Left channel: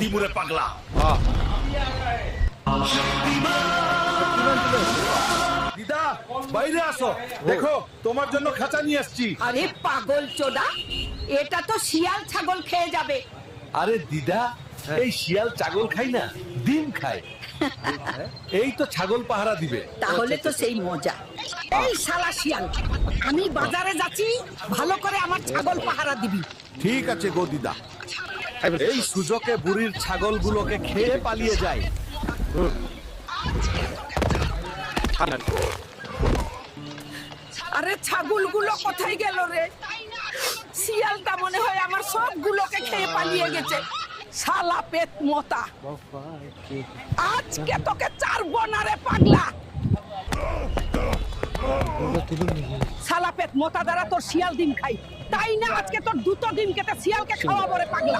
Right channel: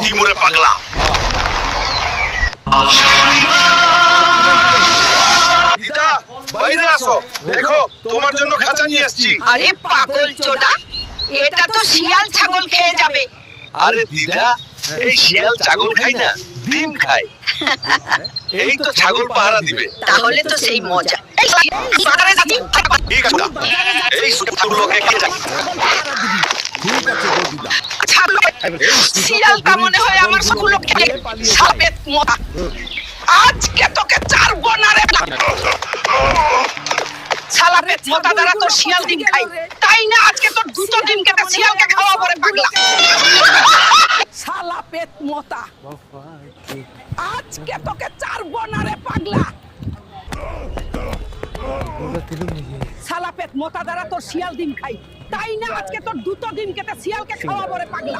দিমরে পাগলা। দিদা বাইরে আসো, দেখো তোমার জন্য খাঁচা নিয়ে আসছি। আরে পাগল চোদা, এটা তো শিয়াল ছাগল খেয়ে যাবে। আরে দিদা, এই শিয়াল ছাগল খায় না, ডিম খায়। এই তো ছাগল পাহারা দিবে। তাহলে তো সেই মজা। এই বাজারে যাচ্ছি, ঠিক আছে, তুই বাজারে যাচ্ছিস, এই ভালো করে আমার ছাগল পাহারা দিবি। ঠিক আছে গো দিদা। ছাগল এই সুযোগে শিয়ালটা বুড়ির মনে হয় আমার ছাগলগুলোকে সবগুলো খেয়ে খেয়ে পালিয়ে যায়। সাপের মতো। আজকে তোকে ছাড়বো না রে। শালা রে ছাগলগুলো তো শিয়াল ডিম খায়, তাই না আজকে তোর দুটো ডিম কেটে শিয়ালকে খাওয়া পড়ে পাগলা। শালা পেট মোটা, আজকে তোকে ছাড়বো না রে পাগলা। শালা পেট মোটা দ্বারা তোর শিয়াল ডিম খাই, তাই না আজকে তোর দুটো ডিম কেটে শিয়ালকে খাওয়া পড়ে পাগলা।